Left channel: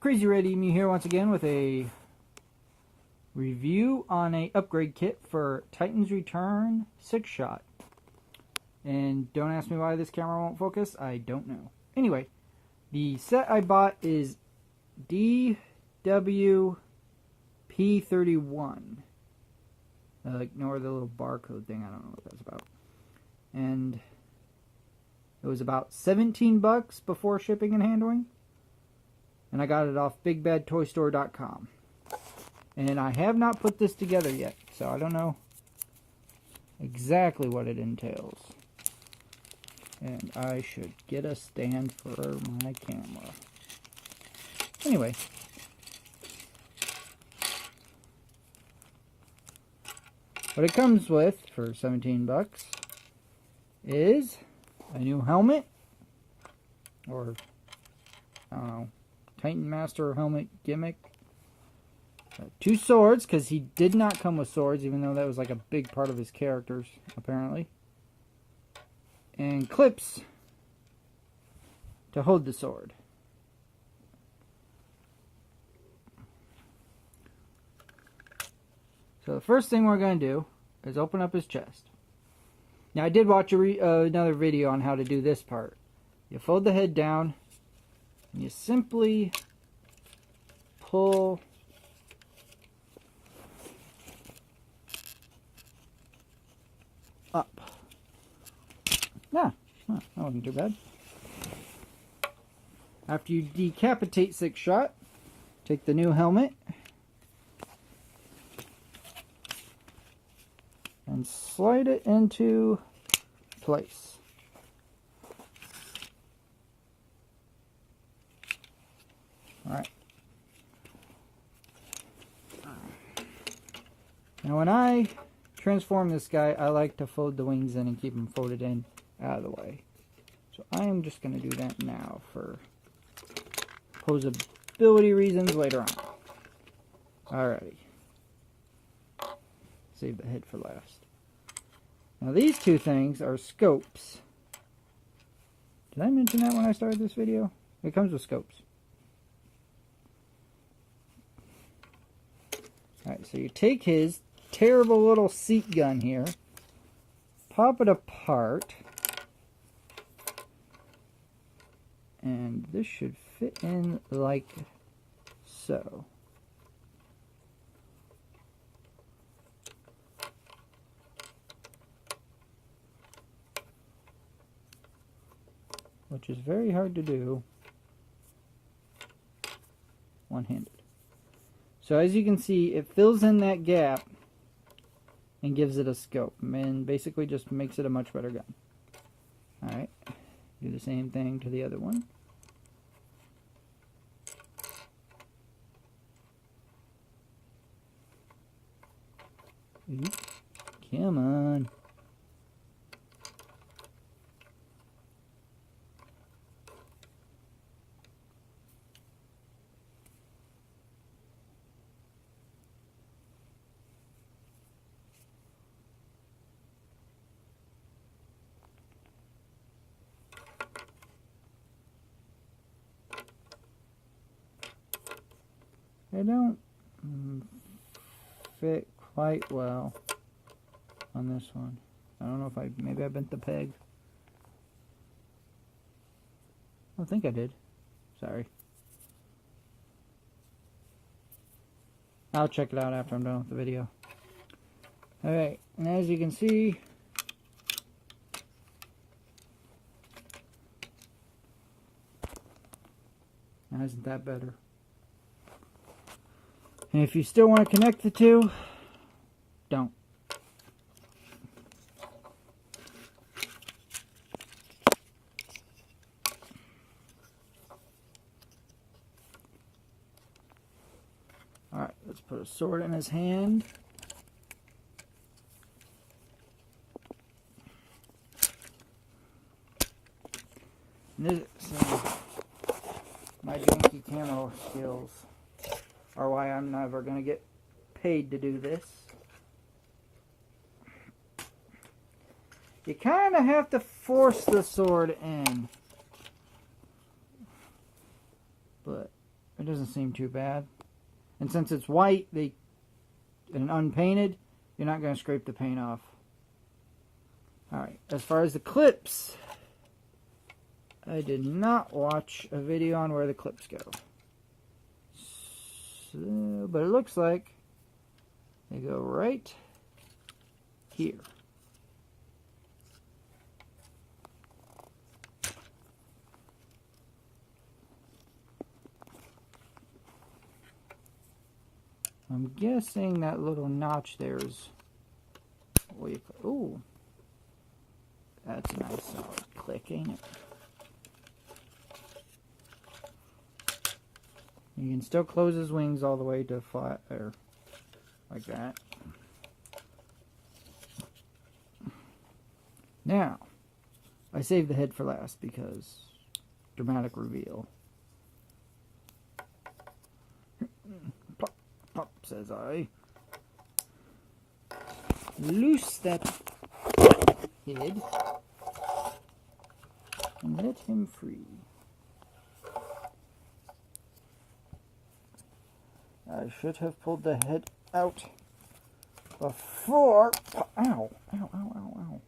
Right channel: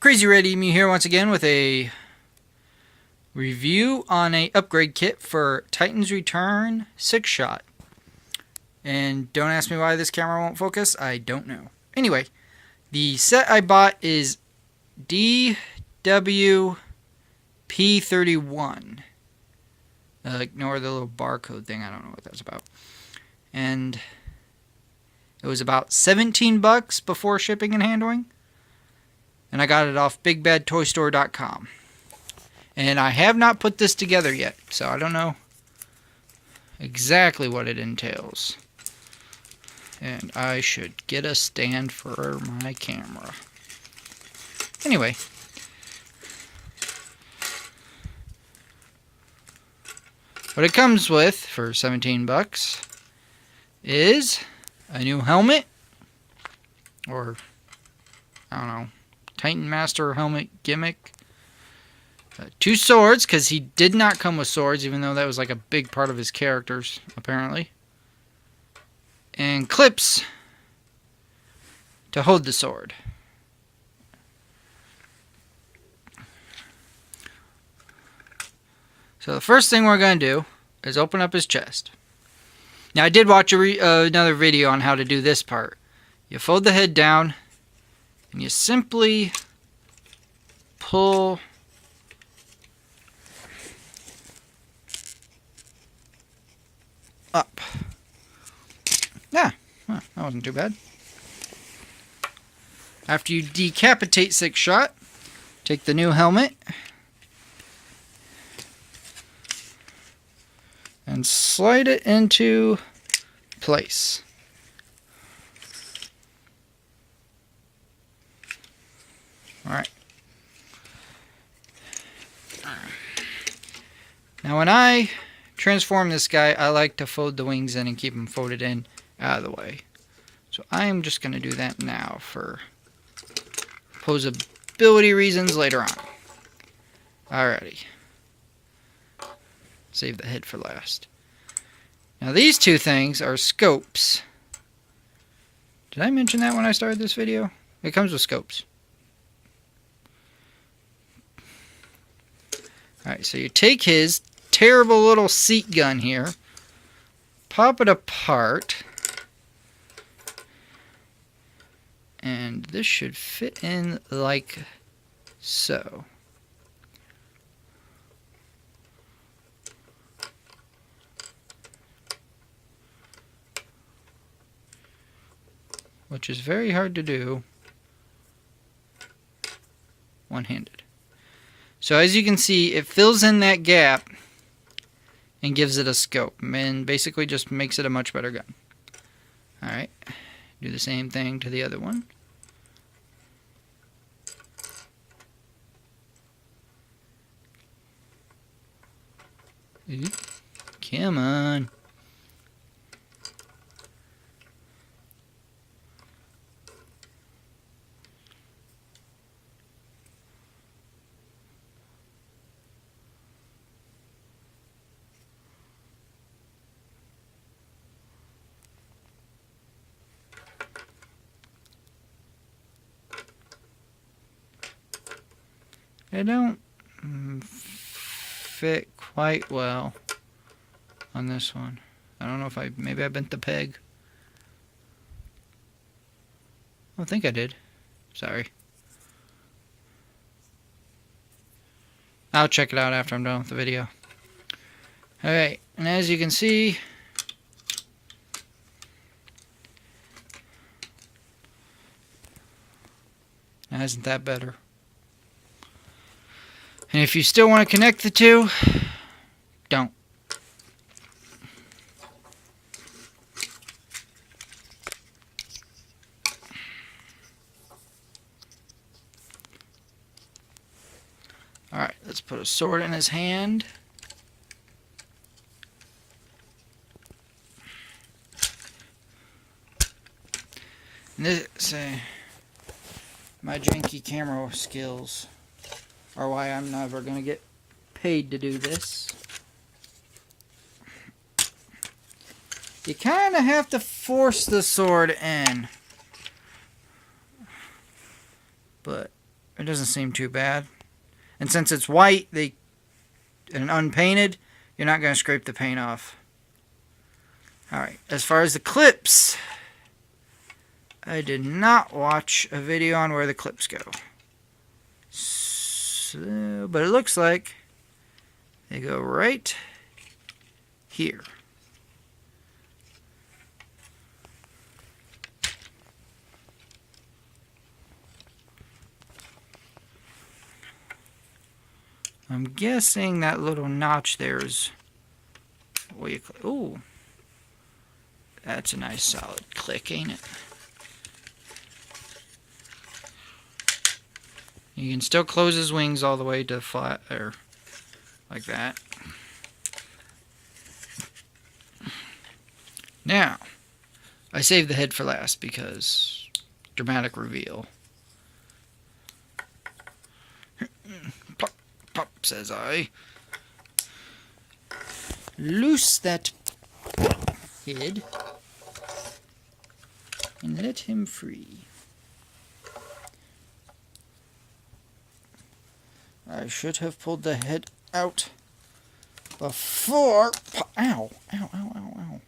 Crazy Red Emu here once again with a review on a upgrade kit for Titan's Return Sixshot. And don't ask me why this camera won't focus, I don't know. Anyway, the set I bought is DW-P31. Ignore the little barcode thing, I don't know what that's about. And it was about 17 bucks before shipping and handling. And I got it off BigBadToyStore.com. And I have not put this together yet, so I don't know exactly what it entails. And I should get a stand for my camera. Anyway. What it comes with for 17 bucks is a new helmet, or I don't know, Titan Master helmet gimmick. 2 swords, because he did not come with swords, even though that was like a big part of his characters, apparently. And clips to hold the sword. So the first thing we're going to do is open up his chest. Now I did watch another video on how to do this part. You fold the head down and you simply pull up. Yeah, that wasn't too bad. After you decapitate Sixshot, take the new helmet and slide it into place. Alright. Now when I transform this guy, I like to fold the wings in and keep them folded in out of the way. So I am just going to do that now for posability reasons later on. Alrighty. Save the head for last. Now these two things are scopes. Did I mention that when I started this video? It comes with scopes. Alright, so you take his terrible little seat gun here, pop it apart, and this should fit in like so. Which is very hard to do one-handed. So as you can see, it fills in that gap and gives it a scope, and basically just makes it a much better gun. Alright, do the same thing to the other one. Come on. They don't fit quite well on this one. I don't know if maybe I bent the peg. I don't think I did. Sorry. I'll check it out after I'm done with the video. Alright, and as you can see, isn't that better? And if you still want to connect the two, don't. Alright, let's put a sword in his hand. And this, my janky camera skills are why I'm never going to get paid to do this. You kind of have to force the sword in. But It doesn't seem too bad. And since it's white and unpainted, you're not going to scrape the paint off. Alright, as far as the clips, I did not watch a video on where the clips go. So, but it looks like they go right here. I'm guessing that little notch there is where you click. Ooh, that's a nice solid click, ain't it? You can still close his wings all the way to flat, or like that. Now, I saved the head for last because dramatic reveal. Plop, plop, says I. Loose that head and let him free. I should have pulled the head out before. Ow, ow, ow, ow, ow.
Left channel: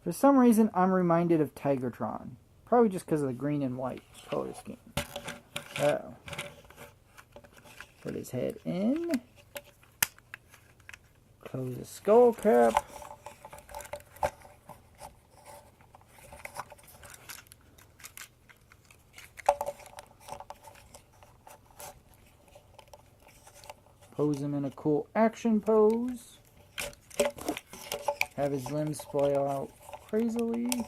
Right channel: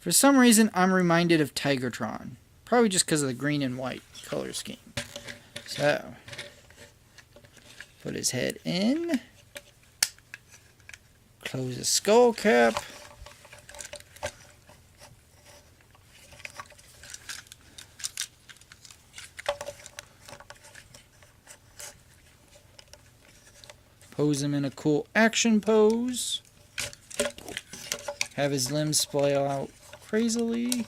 For some reason, I'm reminded of Tigertron. Probably just because of the green and white color scheme. So, put his head in. Close the skull cap. Pose him in a cool action pose. Have his limbs splay out crazily.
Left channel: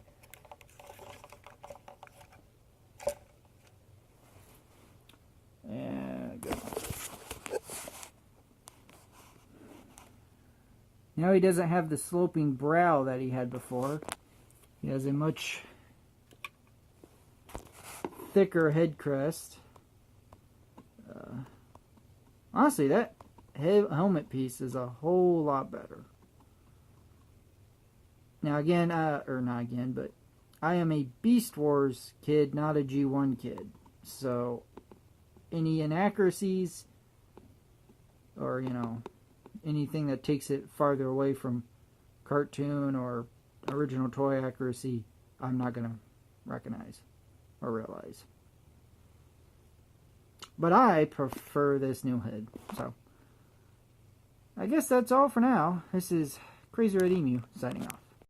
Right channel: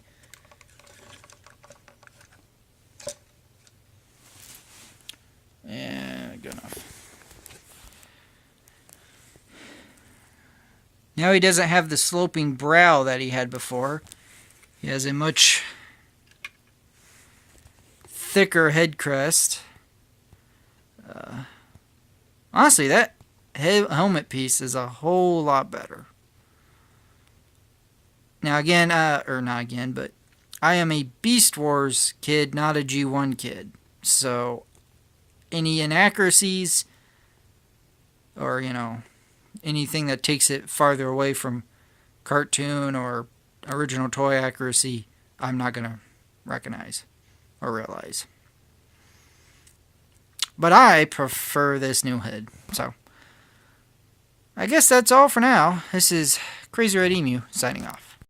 And good enough. Now he doesn't have the sloping brow that he had before. He has a much thicker head crest. Honestly, that helmet piece is a whole lot better. Now again, or not again, but I am a Beast Wars kid, not a G1 kid. So any inaccuracies or, you know, anything that takes it farther away from cartoon or original toy accuracy, I'm not going to recognize or realize. But I prefer this new head. So I guess that's all for now. This is Crazy Red Emu signing off.